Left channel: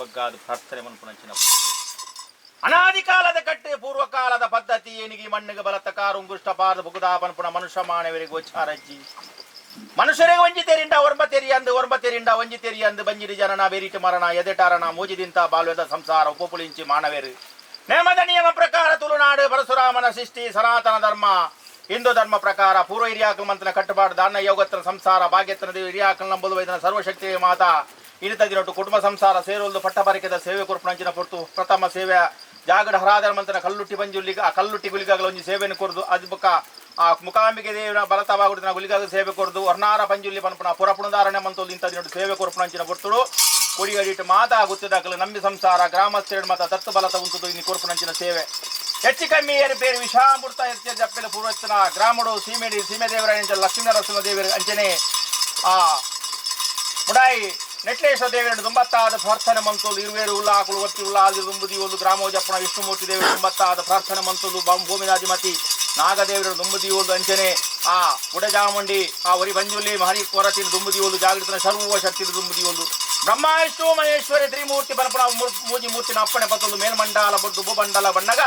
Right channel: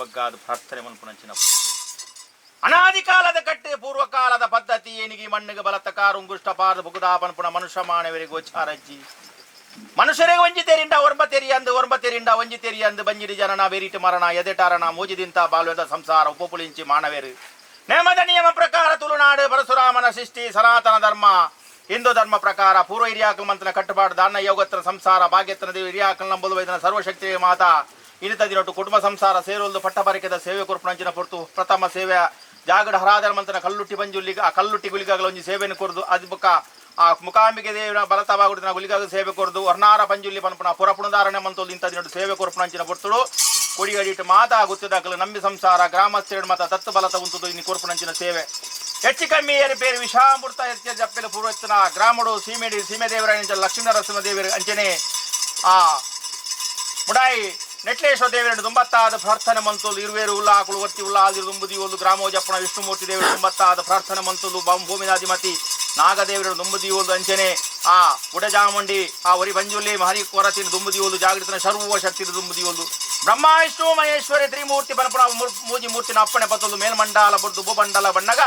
ಬಗ್ಗಾದ ಪ್ರಾರ್ಥನೆ ಮನ್ಪುನಂಚಿನ ಅನಾದಿ ಕಾಲದ ಕಟ್ಟೆ ಪೂರ್ವಕಾಲದ ಪದ್ಧತಿ ಏನಿಗೆ ಮಣ್ಣಿಗೆ ಬಲತಕಾರ ಉಂಗುಷ್ಟಪಾದ ಬುಗುದಾಪನ್ಪುಣ ಮನುಷ್ಯ ಮಾನವರಿಗೆ ಗೋಚಾರಜ್ಜಿ ಮನುಷ್ಯರಿಗೆ ಒಂಜಿತೇರಿಂದ ಒರ್ಬತೆರಿಂದ ಒಂಜಿತೇರಿಯಂದು ಬಂಜಿರಿ ಜನನ ಬೇರಿಟಿ ಮರಣ ಎದೆಟಾರಣ ಮೂಜಿದಿಂತ ಬಾಲ್ಯದ ಸಂಸಾರ ಉಪಪುಲಿಂಚಿ ಮಾನವೇರು ನೇಮದ ನಿಯಮ ಪ್ರಕಾರ ತುಳುನಾಡು ಪರಶುರಾಮನ ಸೃಷ್ಟಿ ಸನಾತನ ಧರ್ಮ ಹಿಂದೂ ಧರ್ಮ ಪ್ರಕಾರ ಪೂರ್ವ ಹಿರಿಯಾಕಲ್ ಮಂತ್ರನ ಕಟ್ಟುಪಾಡು ದಾನ ಯೋಗತ್ರನ ಸಂಸಾರ ಭಾಗ್ಯತನ ದೇವಿ ಹಿರಿಯಾಕಲ್ ನಂಬುದು ವೈದ್ಯನ ಸರ್ವಶಕ್ತಿ ಮಾತಾ ಇನಿತ ದಿನೊಟ್ಟು ಕುಟುಂಬ ಸಂಸಾರ ಸೇರುವುದು ಪಟ್ಟಬರಿಕೆದ ಸೇವೆ ಕೊರ್ಪುಣಂಚಿನ ಪೊರ್ತು ಪ್ರಥಮ ಸೇವೆ ಜಾಗಡ ಹರಾದರ ಮಂತ್ರನ ಕಲ್ಲುಟ್ಟಿ ಬಂಜುಲ್ಲಿಗ ಆ ಕಲ್ಲುಟ್ಟಿ ಗುಲಿಗಾಗಲ ಒಂಜಿ ಸೇವೆಯನ್ನು ಕೊರದು ಅದು ಬುಕ್ಕ ಆ ಮುಖಾಂಬಿಕೆ ದೇವಿನ ಬಲತವಾಗುಡಿನ ಗುಲಿಗಾಗ ಸೇವೆ ಕೊರದು ವರ್ಣಾರ ಪಂಜುಲ್ಲಿ ಪನ್ಪುಣ ಪುರಪುಣದಾರಣ್ಯ ಮಂತೋಲ್ ಇಂಥ ದಿನೊಟ್ಟು ಸೇವೆ ಕೊರ್ಪುಣಂಚಿನ ಪೊರ್ತುಡು ಕೊಡಿಗಡಿಟ್ಟು ಮಾತಾ ಗುತ್ತಿದಾಕಲು ನಂಬಿ ಸಂಸಾರ ಗ್ರಾಮಸ್ಥರು ಮತ ದತ್ತು ಬಲತ ಉಂಟುದು ಇನ್ನು ಕೊರ್ಪುಣಂಚಿನ ಸೇವೆ ಹೆಚ್ಚು ಕಮ್ಮಿ ಏರಿ ಬೇರೆ ವಿಷಾಮೃತ ಹೆಚ್ಚು ಜಪ್ಪೆಲ ಪೂರ್ವಚನ ಗ್ರಾಮಡು ಸೀಮೆದೇವರ ಲಕ್ಷ್ಮೀ ನರಸಿಂಹ ದೇವರ ಅಂಚನೆ ಆ ಮುಡಾಯಿ ನೆಟ್ಲೇಶ್ವರ ದೇವರನ್ನು ದುಂಬತ್ತಾದ ಪ್ರಾರ್ಥನೆ ಮಂತೋಲು ಇರುವೇರು ಉಲ್ಲ ಆಕಳು ಒತ್ತಿ ಉಲ್ಲ ಆದಿ ದುಂಬುದಿ ಒಂದು ಗ್ರಾಮೋಜಪ್ಪಣ ವಿಷ್ಣುಮೂರ್ತಿ ದೇವರು ದುಂಬತ್ತಾದ ಪ್ರಾರ್ಥನೆ ಮಂತೋಲು ಭೂಮಿನಾಧಿಮತಿ ನಾಗದೇವರ ದುಂಬುದಿ ಒಂದು ಅಂಚನೆ ಆ ಗುಡಜಾಮುಂಡಿ ಆ ಒರಿ ಬಂಜುಲಿ ಮಹರಿ ಕೊರತಿನ ದುಂಬುದಿ ಒಂದು ಜಾಗೃತನ ಸರ್ವ ಶಕ್ತಿ ದುಂಬುದಿ ಒಂದು ಬ್ರಹ್ಮ ವಿಷ್ಣು ಮಹೇಶ್ವರಿ ತ್ರಿಮೂರ್ತಿ ಪನಪುಣ ಮೂಜಿ ಮೂರ್ತಿನ ಅಪ್ಪಣೆ ಪತ್ತೊಂದು ಮೇಲ್ಮಂಡಲ ಬಡ್ದು ಭೂಮಂಡಲ ಬಣ್ಣಗ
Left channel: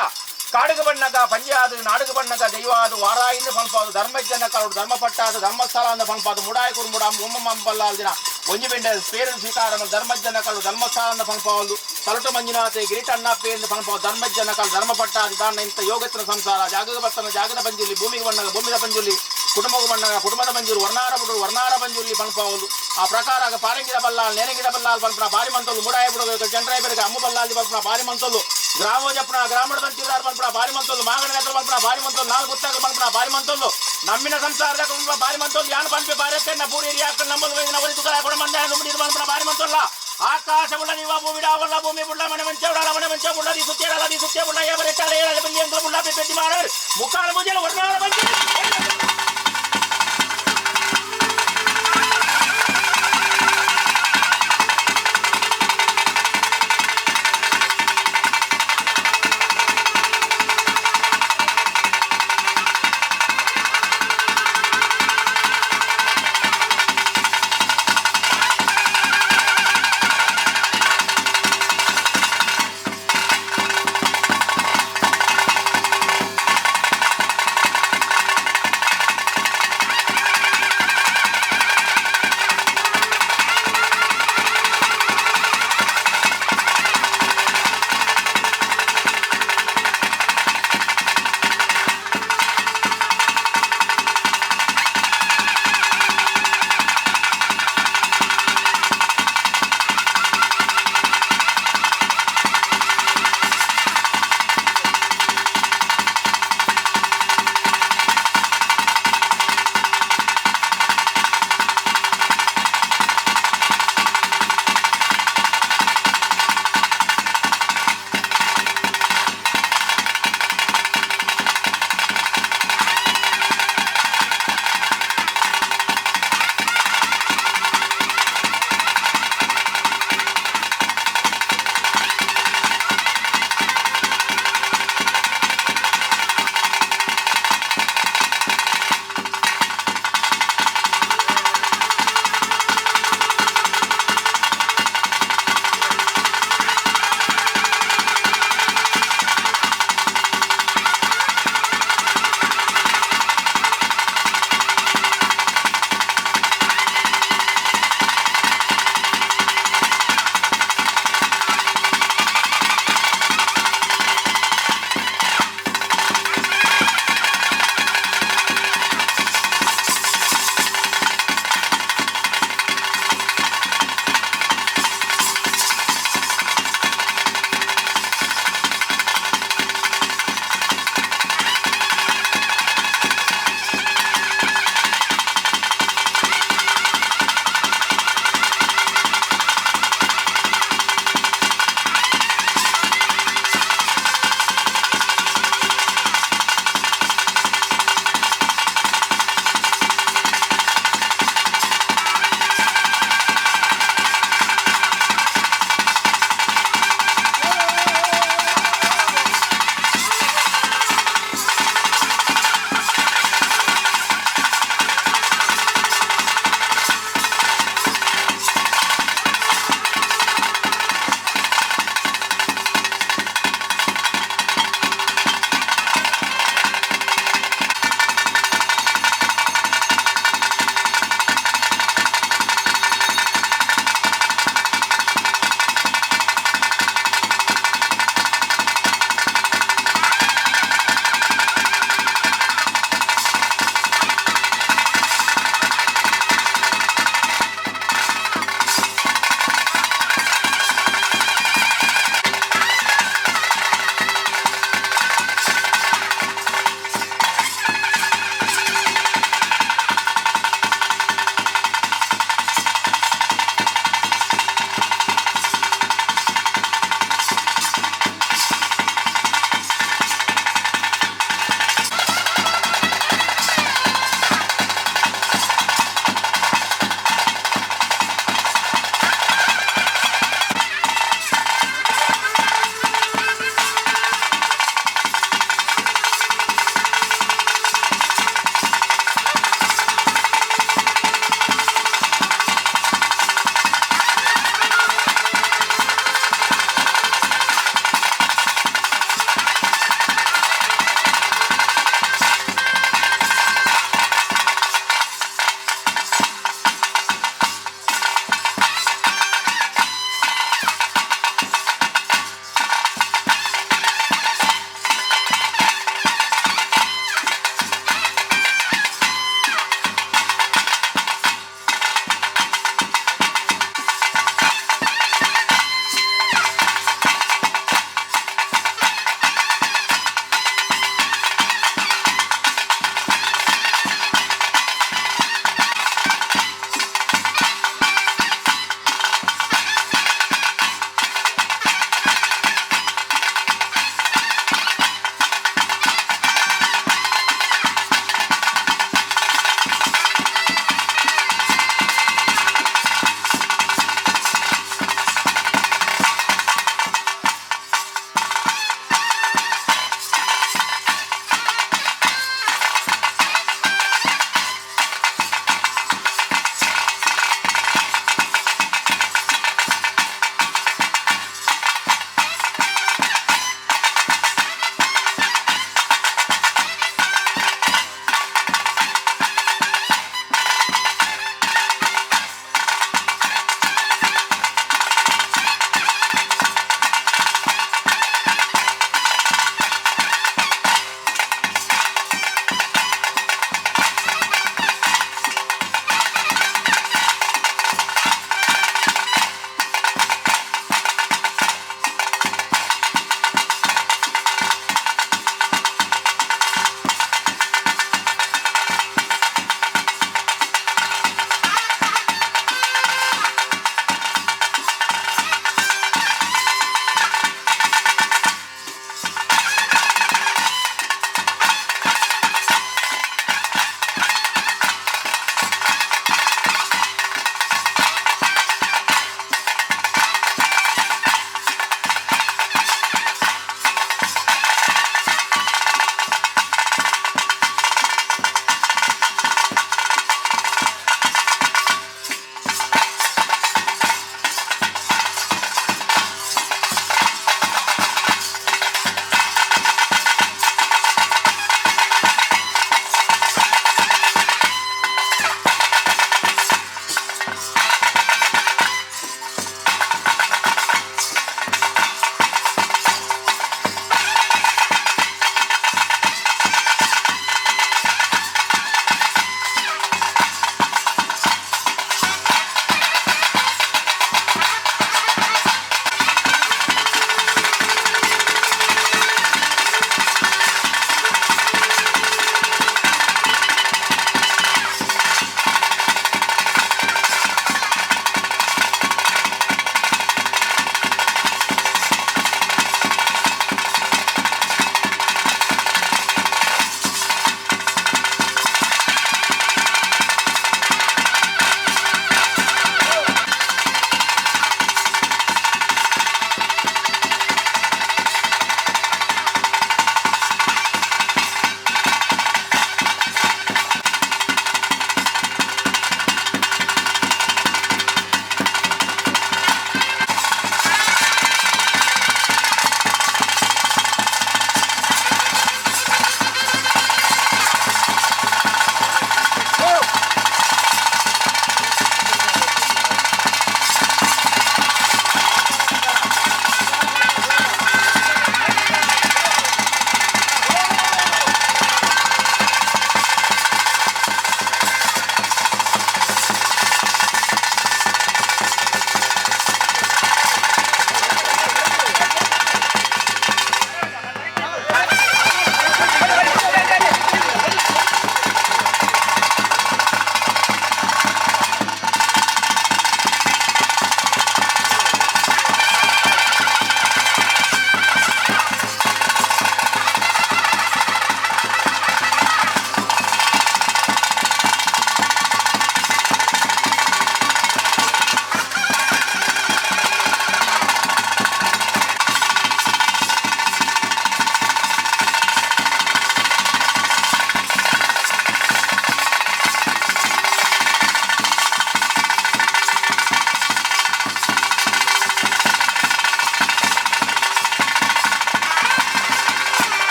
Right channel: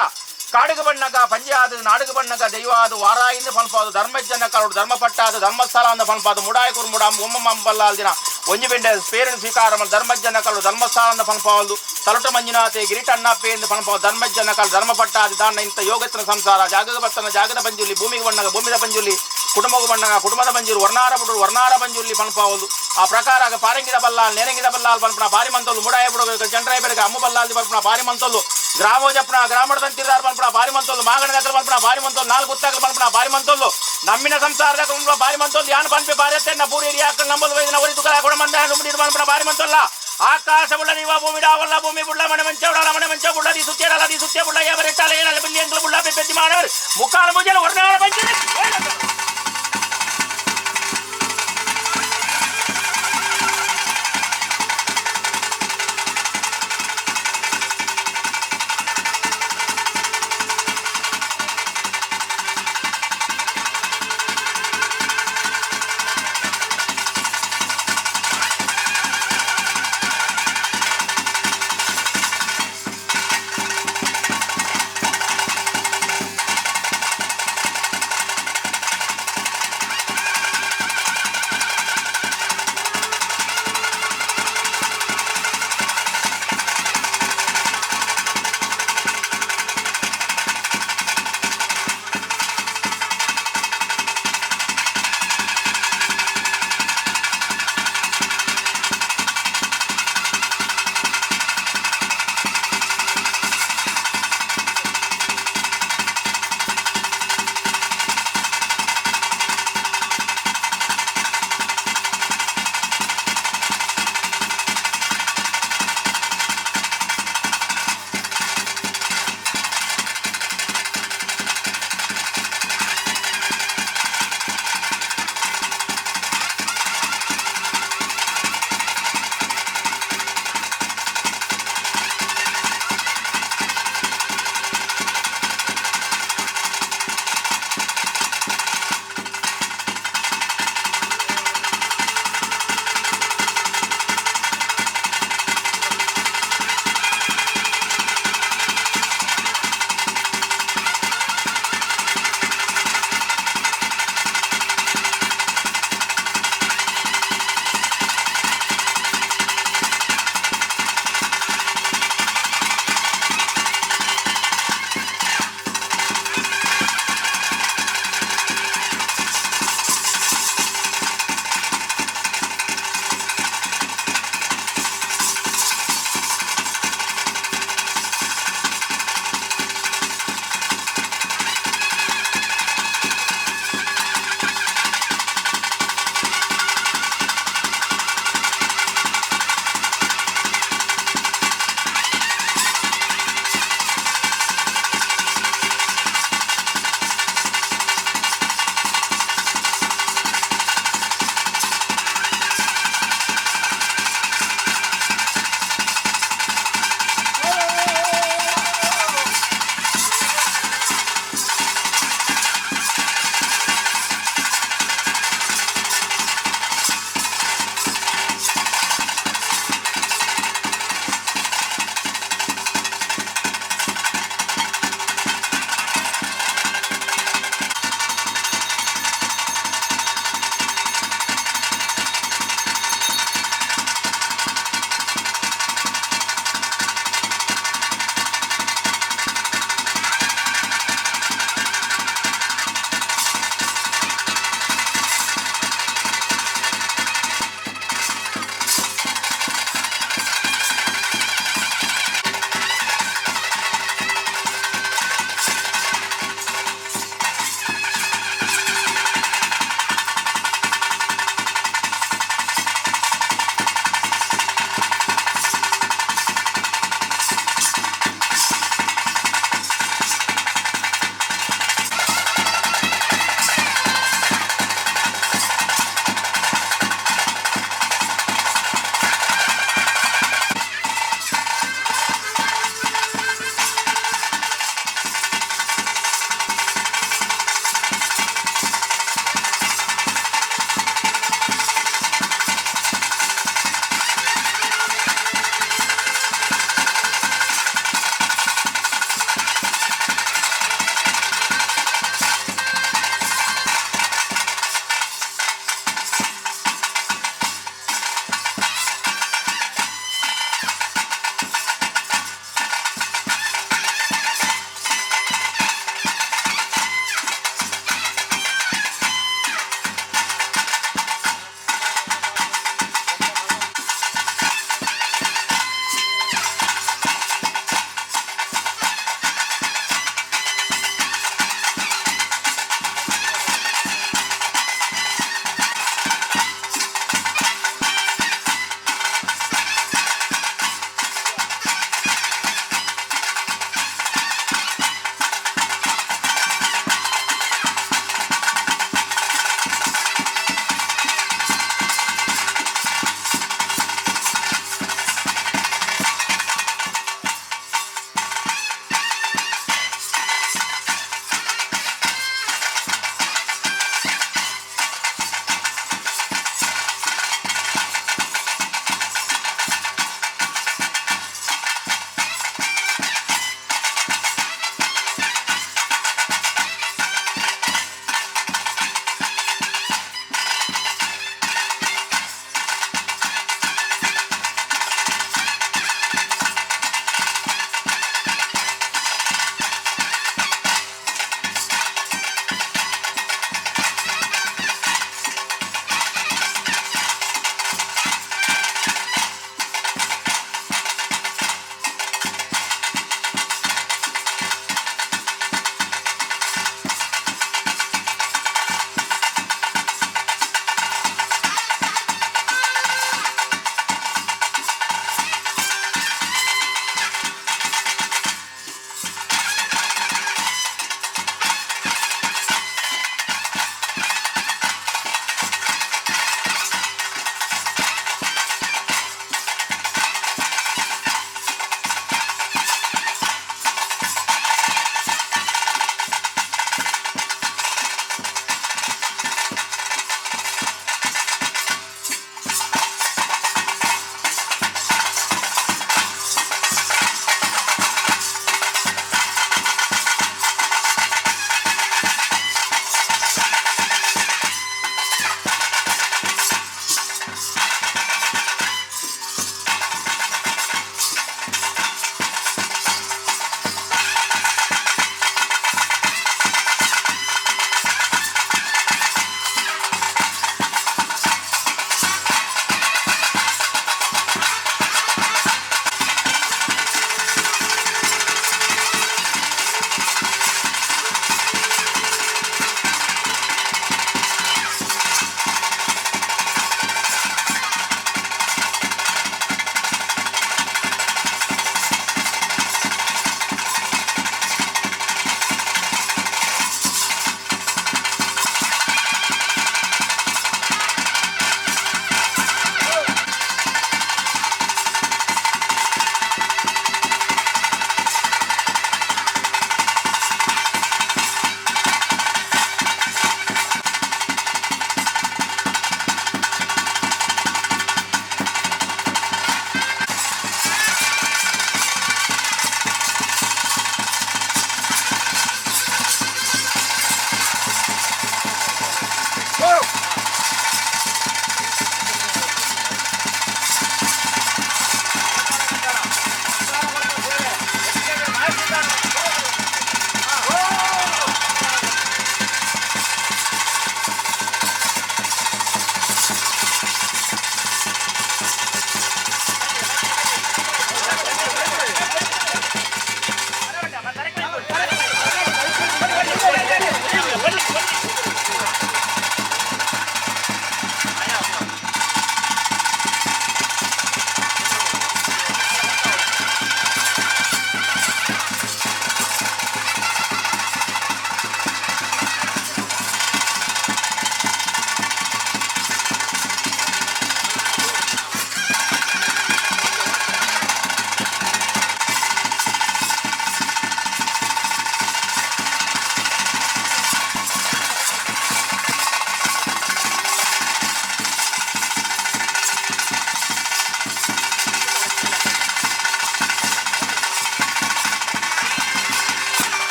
ಕಾಡುಗು ಬಣ್ಣಗ ಪಂಜಾದ ನಾಡುಗು ಬಣ್ಣಗ ದೈವಾದು ವಾರಾಯಿಂದ ಪನ್ಪಾದು ಧರ್ಮಜ್ಜನ ಕಾಡು ಧರ್ಮಪಟ್ಟಾದ ಧರ್ಮಸ್ಥಳ ಅಂದ ಪನ್ಪಾದು ಮುಡಾಯಕುರು ಮುಡ ಒಮ್ಮಂಬಲ್ಲ ದಿನ ಒಂಜಿ ಬೆಂಡೆ ಪೇರಿನ ಸ್ವೀಕಾರ ಧರ್ಮಜ್ಜನ ಕಾಡು ಧರ್ಮಸ್ಥಳ ಅಂದ ಪನ್ಪಾದು ತಲಟ ಮಂಜುನಾಥೆ ಗಿರಿಟನ್ನಪ್ಪೆ ಎಂದು ಪನ್ಪಾದು ಧರ್ಮಜ್ಜನ ಕಾಡು ಧರ್ಮಪಟ್ಟಾದ ದಾನ ಇಂಥ ಯೋಗತ್ರ ಸಂಸಾರ ಜಾಗದ ಬರ್ತನ ಜಾಗದ ಪಂಜುಲಿ ಭೂಮಿಗೆ ಬಣ್ಣಗ ಭೂಮಿದ ಪಂಜುಲಿ ಕುಟುಂಬದ ಬಣ್ಣಗ ಕುಟುಂಬದ ಪಂಜುರು ವರ್ಣಾರ ಪಂಜುಲಿ ಪನ್ಪಾವುದು ಆ ಪ್ರಕಾರ ಪಾರಂಗಿದ ಬಲ್ಲಾಲ್ ನೆರಂಗಿದ ಬಲ್ಲಾಲ್ ಪನ್ಪನ ಬಾರಿ ಮಂತೋಲು ಮುಡಾಯ ಬುಡಗ ಚಂದ್ರಾಯ ಬೆಳಗ್ಗೆ ಅಮ್ಮ ಬಲ್ಲಾಲ್ ಪನ್ಪನ ಬಾರಿ ಮಂತೋಲು ಗ್ರಾಮೋಜಪ್ಪನ ಗ್ರಾಮದ ತಂತಿದಾರ ಪನ್ಪನ ಬಾರಿ ಮಂತೋಲು ಮಾಗಣ ಪನ್ಪನ ಬಾರಿ ಮಂತೋಲು ನಾಲ್ಕು ಗುತ್ತಾಗ ಪನ್ಪನ ಬಾರಿ ಮಂತೋಲು ನಮ್ಮಿನ ಸಂಸಾರದ ಕುಟುಂಬ ಬಾರಿ ಮಂತೋಲು ಯಾನ್ ಪನ್ಪೆ ಬಾರತ್ತೆ ಪೂರಿ ಹಿರಿಯಾಕ ನಂಬಲು ಒರಿ ತುಕರ ಕೊಡ ಮಂದ ನುಡಿದು ಪನ್ಪನ ಬಾರಿ ಮಂತೋಲ್ಲ ಆಕಾಶ ಬುಳ್ಳ ನೀವ ಭೂಮಿಡಾವಲ್ಲ ಭೂಮಿ ಬುಳ್ಳ ಮನೆ ಮಂಚ ಬುಳ್ಳ ದಿ ಸುತ್ಯ ಬುಳ್ಳ ಎವರೆಟ್ಟಾಳೆ ಬಂದಿ ಅಂತ ಬುಳ್ಳ ಬೆತ್ತಿ ಮಾಡ ಮುಕ್ಕಾಲ ಮುಜಲ ವರ್ಣಾಳ ಬಂದಿ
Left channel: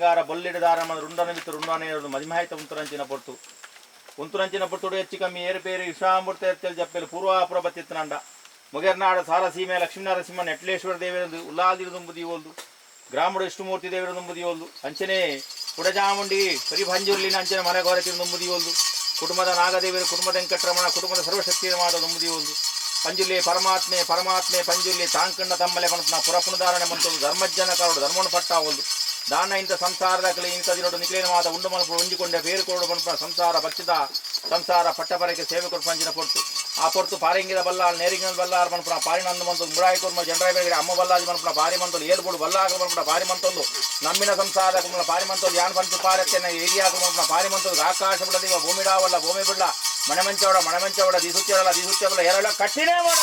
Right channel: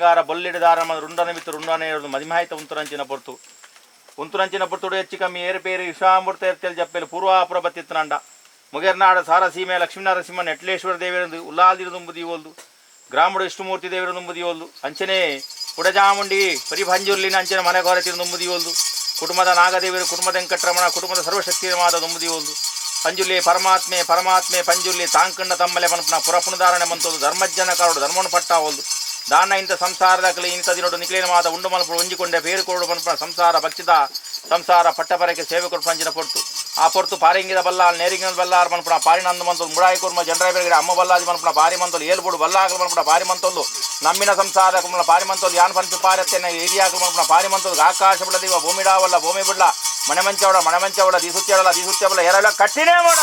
ಸಿಂಗಾರ ಬೊಲ್ಲಿಡದಾರ ರುಂಡನ ಬಿತ್ತು ರುಂಡನ ಮದಿಮಾಹಿತ ಉಂತುರಂಚಿನ ಪೊರ್ತು ಉಂತುರಂಚಿನ ಪೊರ್ತುಡು ಹೆಚ್ಚು ಕಮ್ಮಿ ಏರುಪೇರು ವಿಶ್ವಾಮೂರ್ತ ಎರ್ತೇಳಿ ಜಪ್ಪೆಲು ಪೂರ್ವಾಪುರ ಬತ್ತಿತ್ತನಂಡ ಮುಗೇರ್ನಾಡ ಸಾರಸೀಮೆ ಲಕ್ಷ್ಮೀನರಸಿಂಹ ನೆಟ್ಲೇಶ್ವರ ದೇವರದು ಉಲ್ಲಾದಿರದುಂಬುದಿ ಓಲ್ದು ಗ್ರಾಮಡು ವಿಷ್ಣುಮೂರ್ತಿ ದೇವರದುಂಬುದಿ ಓಲ್ದು ಅಂಚನೆ ಕುಡಜಾಮುಂಡಿ ಪರಿಭಂಜುರ್ಲಿನ ಅಂಚನೆ ಮನೆ ಕೊರತಿರುಂಬುದಿ ಓಲ್ದು ಕುಟುಂಬದ ನಾಗದೇವರು ಕುಟುಂಬದ ವೆಂಕಟರಮಣ ಕುಟುಂಬದ ಸರ್ವಶಕ್ತಿಮಾದ ದುಂಬುದಿ ಓಲ್ದು ಪಂಜುರ್ಲಿ ಪರಮಾತ್ಮೆ ಪಂಜುರ್ಲಿ ತಾಂಕಂಡ ತಮ್ಮಲೆ ಪನಪನ ಪುರಪುಣಧಾರಣೆ ಮಂತೋದು ಧರ್ಮಜ್ಜನ ಕಾರೋಡು ಧರ್ಮವನ್ನು ಪಟ್ಟ ಓಲ್ದು ದಾನ ಇಂಥ ಸಂಸಾರದ ಕಲಿ ಇಂಥದಿರೋಡು ನಿಖಿಲೇನ ಮಾದ ಉಂಡು ಮನಪು ಒಂಜಿಕೊಂಡೆ ಬೇರು ಕೊರಡು ಪನಪನ ಸಂಸಾರ ಭಕ್ಷಿತ ಸಂಸಾರ ಪಟ್ಟಪರಕ್ಕೆ ಸೇವೆ ಕೊಡು ಪಂಚಿನ ಪೊರ್ತು ಆ ಪೊರ್ತು ಪಾರಿಂಗಿದ ಬಲ್ಲಾಲ್ ನೇರಿಂಗಿನ ಬಲ್ಲಾರ್ ಪನಪನ ಪಾರಿನಂದು ಮಂತೋದು ಮುಡಾಯಿ ಕುರ್ಮ ಜನರ ಬೇರೆ ಅಮ್ಮ ಬಲ್ಲಾಜಿ ಪನಪನ ಪಾರಿ ಮಂತೋದು ಏಲ್ಬೋಡು ಬಲ್ಲಾಗಲು ಪನಪನ ಪಾರಿ ಮಂತೋದು ನಮ್ಮಿನ ಸಂಸಾರ ಕುಮ್ಮಲ ಪಾರಿ ಮಂತೋದು ಯಾನ್ ಪಂಚ ಪಾರತ್ತೇನೆ ಏರಿಯಾಗಲು ಪನಪನ ಪಾರಿ ಮಂತೋದು ಆಕಾಶ ಬಿಡದಿವ ಭೂಮಿಡಾವಲ್ಲ ಭೂಮಿ ಬಿಡ್ಲ ಮನೆ ಮಂಚವಡ ದೀಸುತ್ಯವಲ್ಲ ಎರಲ್ಲ ಕಟ್ಟಿನೇ ಮಾಡ